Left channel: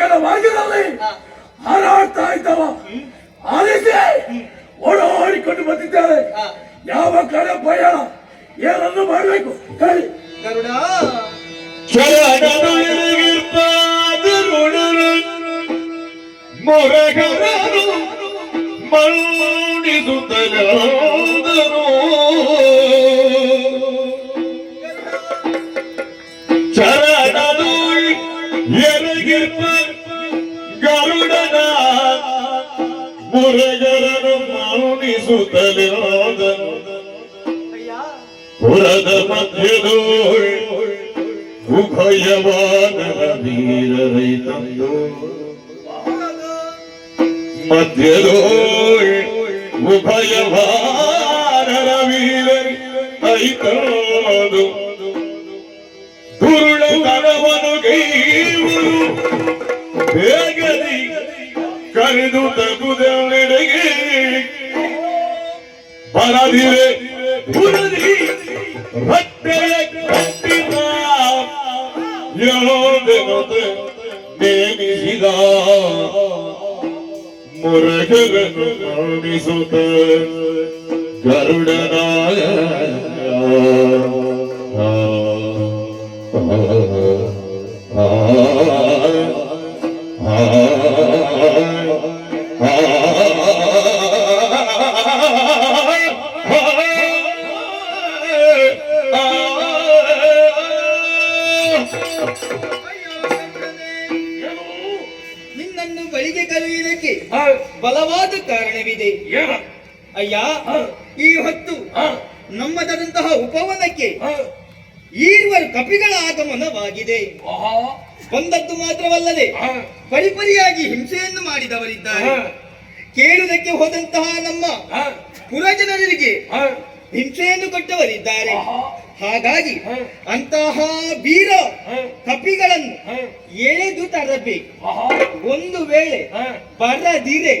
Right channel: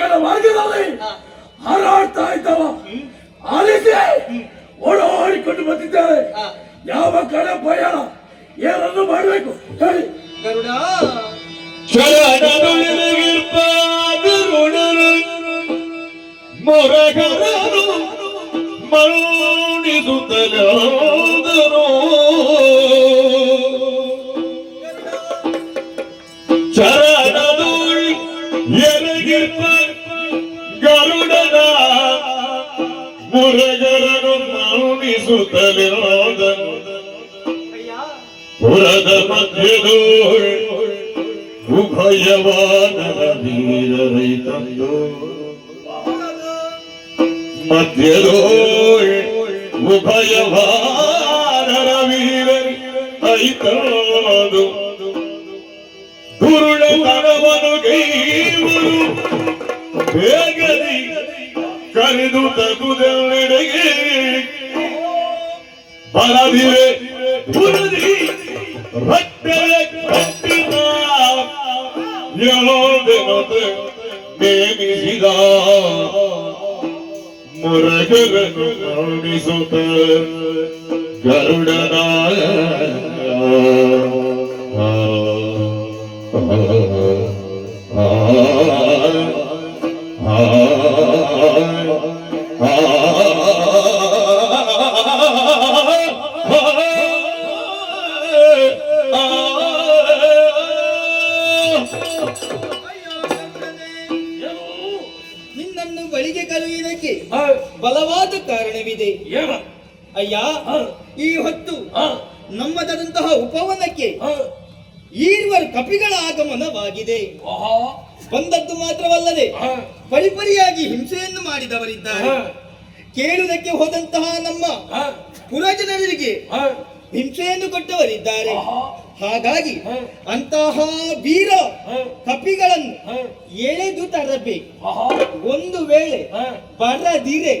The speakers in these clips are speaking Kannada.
ಗಗನ ಮಾರ್ಗದಲ್ಲಿ ಹಾರಾಡ್ತಾ ಇದ್ದವ ಆಲಿಸಿ ಓಡಾಡಿಕೊಂಡು ಬಂದಿದ್ದಾರೆ. ಯಾವ ಕಡೆ ಪ್ರಯಾಣ ಏನನ್ನು ಮಾಡಬೇಕು ಹೇಳಿ. ಗರುಡ ಮೊರಗರನು ಮರುಣಿಸುತ್ತಲಾದರು ಚರಣದು ಎರಗಿರ್ಪ ಗರುಡನ ಮೊರಗರನು ಮರುಣಿಸುತ್ತಲಾದರು ಪುರದ ಮಧ್ಯದೋ ಉಭಯವಾನರ ವೀರರೈತಂದು ಮಧ್ಯದೋ ಉಭಯವಾನರ ವೀರರೈತಂದು ದುರುಳ ತನವನು ಗೈವರು ಬೇಗದಿ ಕರೆದು ತಗುದೆಡೆಗೆ ಬರದಿರೆ ಬುರದಿ ರಟ್ಟೆಯ ಕಟ್ಟಿದ ಯೋಧನತೆ ನೇಮಿಸಿದ ಮುರಗನು ಕರುಣಿಸುತ್ತ ಗರುಡನಾಯ ನಿನ್ನನ್ನು ಬಳಿಗೆ ಕರೆಯುವುದಕ್ಕೆ ಬಲವಾದ ಕಾರಣವಿದೆ ಅಯ್ಯ. ಈ ಹೊತ್ತು ನಮ್ಮದಂತಹ ಉಪವನಕ್ಕೆ ಈರುವರು ಕಪಿಗಳ ಆಗಮನವಾಗಿದೆ. ಬಂದದ್ದು ಮಾತ್ರವಲ್ಲದೆ ಪರಿಪರಿಯಾಗಿ ಹಿಂಸೆಯನ್ನು ಮಾಡಿದವರಿದ್ದಾರೆ. ಕೇಳುವುದಕ್ಕೆ ಹೋದಂತಹ ನಮ್ಮ ಪುರಜನರಿಗೆ ಹಿಂಸೆಯನ್ನು ಕೊಟ್ಟವರಿದ್ದಾರೆ. ಹಾಗಾಗಿ ಅಂತಹ ವೀರ ಕಪಿಗಳನ್ನು ಎಳೆದು ತರಬೇಕು. ಒಂದು ವೇಳೆ ಬರದಿರೆ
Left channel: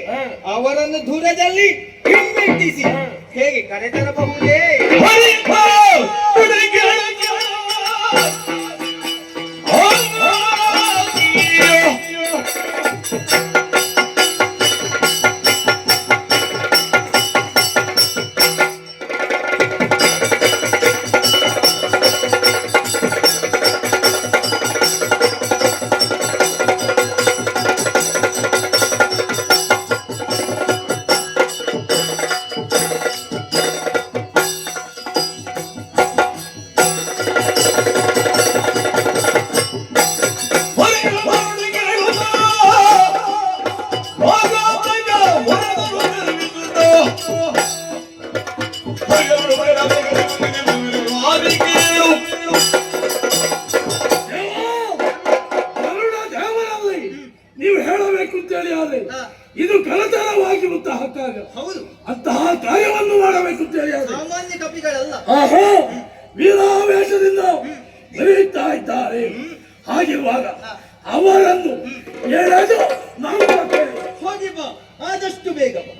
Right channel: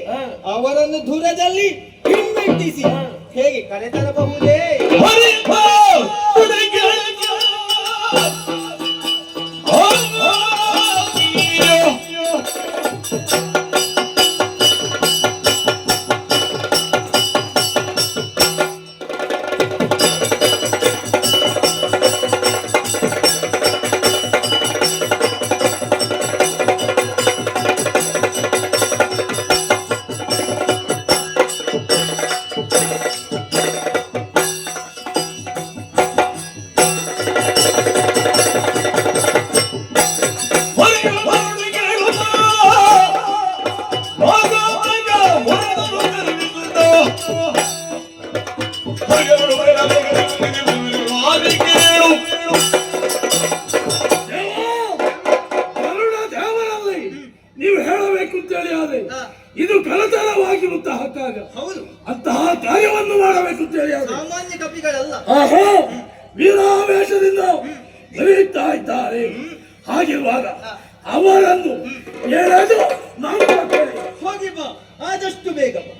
ಅವರನ್ನು ದೂರದಲ್ಲಿ ಹಿಮ್ಮೆಟ್ಟಿಸಿ ಹೇಗೆ ಕರೆತರಬಹುದೇ? ನೀವು ಹೇಳಬೇಕು ಅಂತೇಳಿ ಆದ್ರೆ ಇದು ಕಳತರವಾಗಿರುತ್ತಾ ಹಾಕಾಗ ಅಂತಹ ಕಾರ್ಯವನ್ನು ಮಾಡಬೇಕು ಅಂತೇಳಿ ಸಾಮಾನ್ಯ ಕಪಿಗಳಲ್ಲ. ವೀರಾವೇಶದಿಂದ ಬೆರೆಯುತ್ತಾ ಇದ್ದಾರೆ. ಹಾಗಿರುವಾಗ ಅವರನ್ನು ಎಳೆದು ಹೋಗಿ ಬಾ, ಆದಷ್ಟು ಬೇಗ ಬಾ.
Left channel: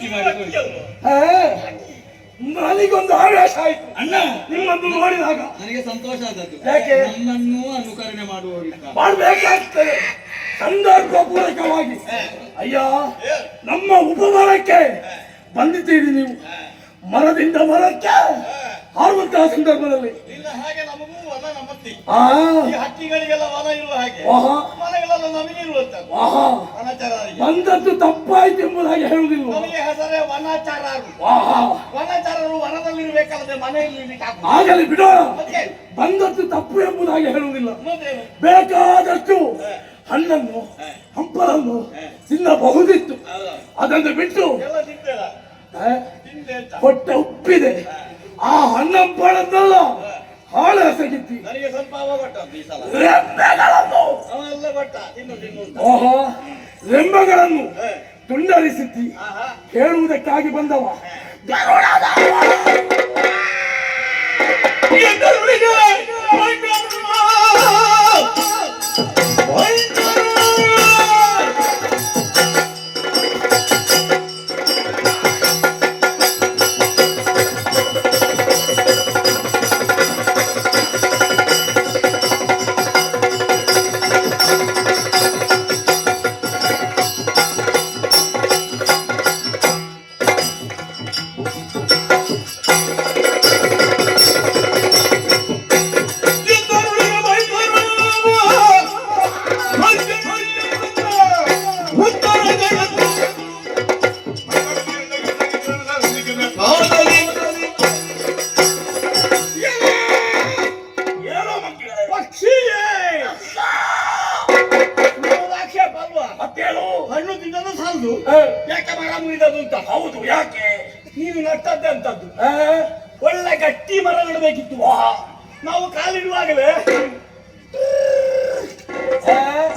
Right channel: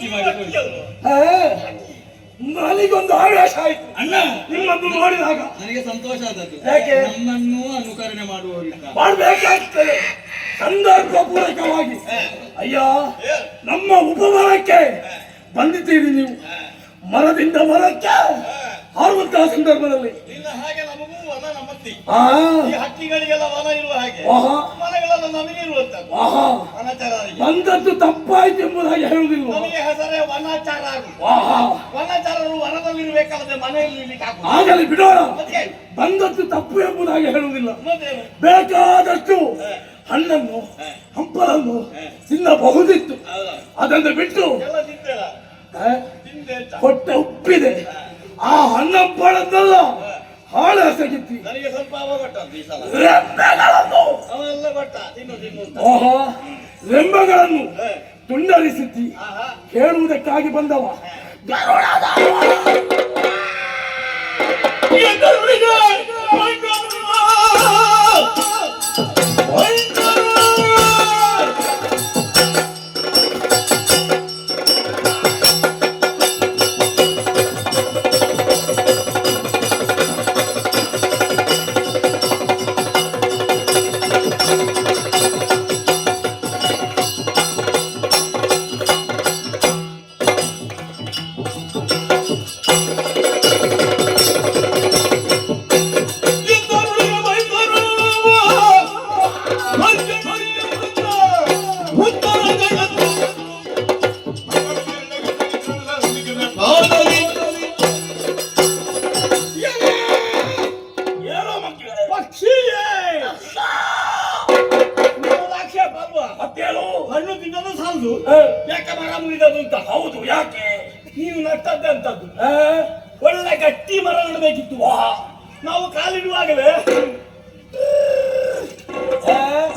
ಗಟ್ಟಿ ಮಾಡಿ ಕೊಡಿ. ನನಗೊಂದು ಆವೇಶ ಆಯ್ತು ಅಣ್ಣ ನಿಮ್ಮನ್ನು ನೋಡಿದಾಗ. ನನಗೆ ಸಂತೋಷ ಆದದ್ದು. ಯಾಕೆ? ನನ್ನನ್ನು ಅನುಕರಣೆ ಮಾಡುವವರಿಲ್ಲ. ಮಾಡಬೇಕಾಗ್ತದೆ ಸಂದರ್ಭಪೂರ್ವಕವಾಗಿ. ಅಯ್ಯ, ನಮ್ಮ ಉಪಮರಕ್ಕೆ ಬಂದಿದ್ದೀರಿ ನೀವು. ಮರದಿಂದ ಮರಕ್ಕೆ ಹಾರುವಂತಹ ಸಂದರ್ಭದಲ್ಲಿ ಇಲ್ಲ ಹಾಗೆ ನಮಗೂ ವನ ನಮ್ಮತ್ತಿ. ಆ ಈ ಹಕ್ಕಿಗಳಿಗೆಲ್ಲ ವನ ಇರುವ ಹಾಗೆ ಆಹಾ ವನಗಳೆಲ್ಲ ನಮಗೆ ಇರುವಂತದ್ದು. ಆಹಾ ವನಚಾರರಿಗೆ ಬಂದದ್ದು ತಪ್ಪಾಯ್ತು ಎಂಬುದಾಗಿ ಹೇಳುವುದಿಲ್ಲ. ನಮಗೆ ಹೆಸರೇ ವನಚಾರರು. ಆಹಾ ವನಚಾರರು ವನದಲ್ಲಿರ್ಬೇಕಾದ್ರೆ ಮನೆಯಲ್ಲಿ ಇರ್ಲಿಕ್ಕೆ ಆಗುದಿಲ್ಲ. ಆಗಲಿ ಬಿಡೋಣ. ಮತ್ತೆ ಬಂದದ್ದು ತಪ್ಪು ಎಂಬುದಾಗಿ ಹೇಳುವುದಿಲ್ಲ. ಮತ್ತೇನು? ಬೇಕಾದಷ್ಟು ಹಣ್ಣನ್ನು ಹಂಪಲನ್ನು ತಿನ್ನಬಹುದಿತ್ತು. ಅದನ್ನು ಬಿಟ್ಟು ಎಲ್ಲ ತಿಂತೇಳ ಆ, ತಿಂದೆ ಅಂತ ಹೊಟ್ಟೆ ಉಪ್ಪಿದೆ. ಆ ಹಣ್ಣಂಪಳನ್ನೆಲ್ಲ ಹಾಳು ಎಸಗಿತ್ತಿ. ನನಗೆ ಸ್ವಲ್ಪ ಅವ ಕೊಟ್ಟದ್ದು ಈ ಸಲ. ರೆಂಬೆಗಳನ್ನು ಅವೆಲ್ಲ ಕೊಟ್ಟ ತಿನ್ನು ತಿನ್ನು ಅಂತ. ಓಹೋ ರೆಂಬೆಗಳನ್ನು ತುಂಡರಿಸಿದ್ದಿ. ಆಹಾ ಹೇಳುವುದಕ್ಕಾಗಿ ಬಂದವ. ಏನೋ ಮಕ್ಕಳೇ, ಪಕ್ಷಿಗೆ ನಿಮ್ಮದು ಆಕ್ಷೇಪ ಅಲ್ವಾ? ಮತ್ತೇನು? ಹಣ್ಣು ತಿನ್ನೋದು ಸಾಲದು, ಏ, ಯಾಕೆ ಮರ ಮುರಿದದು ಅಂತ. ಹೌದು, ಯಾಕೆ? ನೀವು ನಟ್ಟದ್ದೆ ಅಂತದ್ದು. ಆ, ಒಳ್ಳೆ ಗಟ್ಟಿ ಮರ ನೆಡಬೇಕಿತ್ತು. ನಾವು ಕಾಲಿಡುವಾಗಲೇ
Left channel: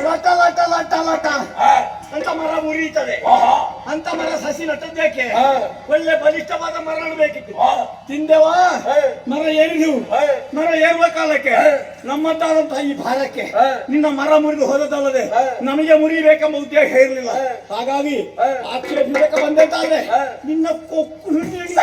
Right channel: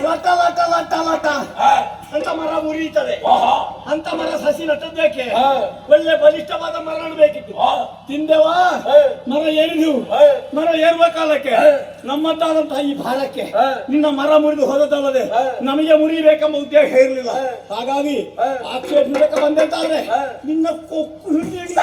ಲಟ ಲಟ ಲಟ ಲಟ ಆ, ಅಂತ ಮರ ಮುರಿಯುತ್ತದೆ. ಆಹಾ, ಅಂತ ಮರ ಸಸಿ ನಟ್ಟದ್ದೇಕೆ? ಆ, ಒಳ್ಳೆ ಬಲಿಷ್ಠವಾದ ಮರ ನೆಡಬೇಕಿತ್ತು. ಆ, ತಿಂದೆವಾ ಏ, ಮರ ಏರಿದು. ಏ, ಮರ ಏರುವ ಕಾಲಕ್ಕೆ ನಮ್ಮದ್ದಾದಂತಹ ಈ ಭಾರಕ್ಕೆ ಏ, ನಿನ್ನ ಮರ ಮುರಿದು ಹೋದದಲ್ಲದೆ ಏ, ನಮಗೆ ಮುರಿಬೇಕೆಂಬ ಉದ್ದೇಶ ಇರಲಿಲ್ಲ. ಹಾಗಾಗಿ ಆಕ್ಷೇಪಿಸಕ ಬಂದಂತಾದ್ರೆ ನಿನ್ನ ಕೊಕ್ಕು ಹಿಡಿದು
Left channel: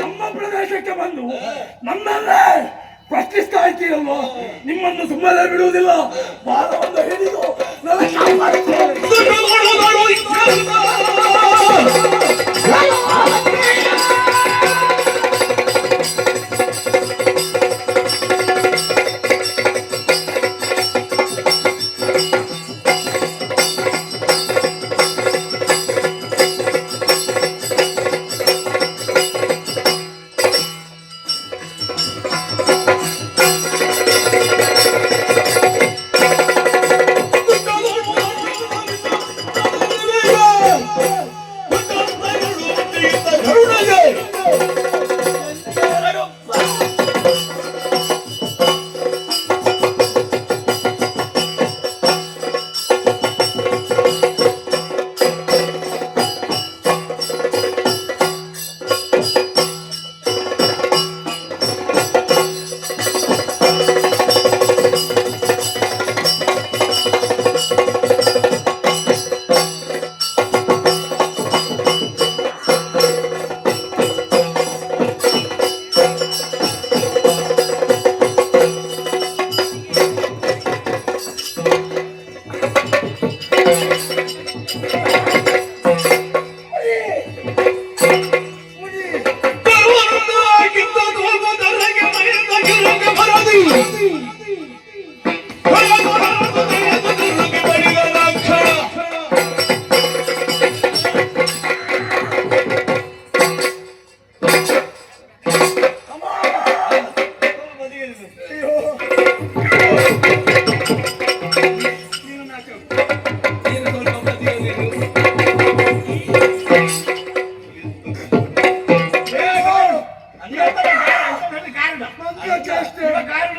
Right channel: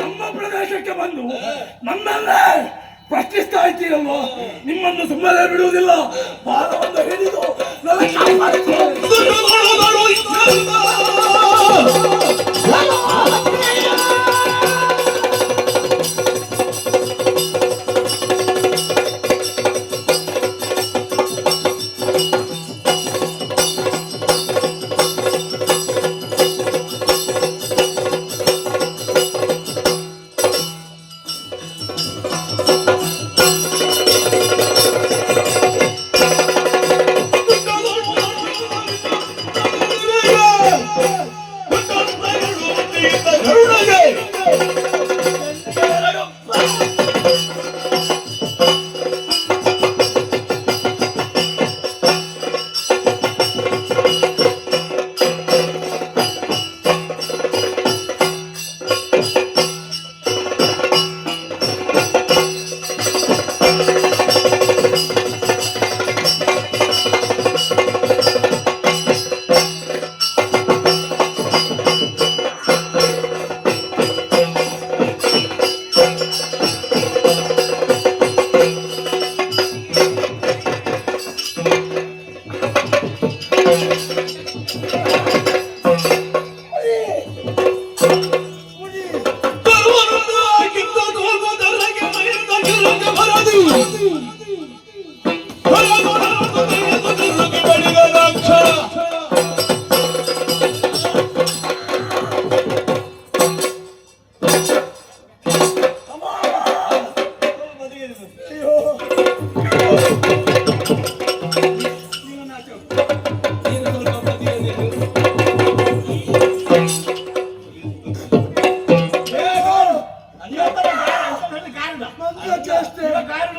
ನಮ್ಮ ಪ್ರದೇಶಕ್ಕೆ ಬಂದು ನಮ್ಮನ್ನೇ ಪ್ರಶ್ನಿಸ್ತಾ ಇದ್ದೀರಲ್ವಾ? ನಿಮ್ಮನ್ನು ಸುಮ್ಮನೆ ಬಿಡುವುದಿಲ್ಲ. ಬಾಲವನ್ನು ಹಿಡಿದು ನನಗೆ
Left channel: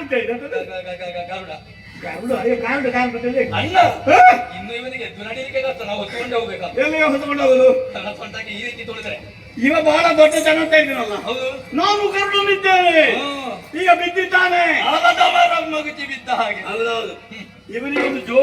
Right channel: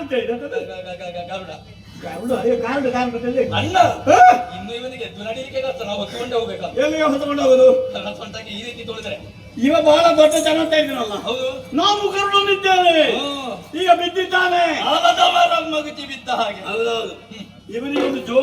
ಎಂತ ಇದೆ ಅಂತ? ಗರುಡ ಗರುಡ, ಅಯ್ಯೋ, ಗಾರುಡ ಗಾರುಡ ಅಣ್ಣ ಹಾ? ಇನ್ನು ಇವನಿಗೆ ಎದ್ದು ನಡೀಲಿಕ್ಕೆ ಕಷ್ಟ ನಾವು ಹೊತ್ಕೊಂಡು ಹೋಗ್ಬೇಕಂತ ಎಲ್ಲಿಗೆ ಹೊತ್ಕೊಂಡು ಹೋಗುದು? ನನ್ನ ಸ್ವಂತಕ್ಕೆ ಈ ರೀತಿ ತುಳಿದ್ರೆ ಇವ ಬಹಳ ದೊಡ್ಡ ಜನ ಅಂತ ಇದ್ದೀನಲ್ಲ. ಹೌದು ನಾನು ಕರ್ಕೊಂಡಿದ್ದೇನೆ, ಹ್ಮ್. ಈಗ ಬಿದ್ದಿದ್ದಾನೆ. ಆಲದವರ ಮಗುಚಿ ಬಿದ್ದ ಹಾಗೆ ಇವನಿಗೆ ಒಂದು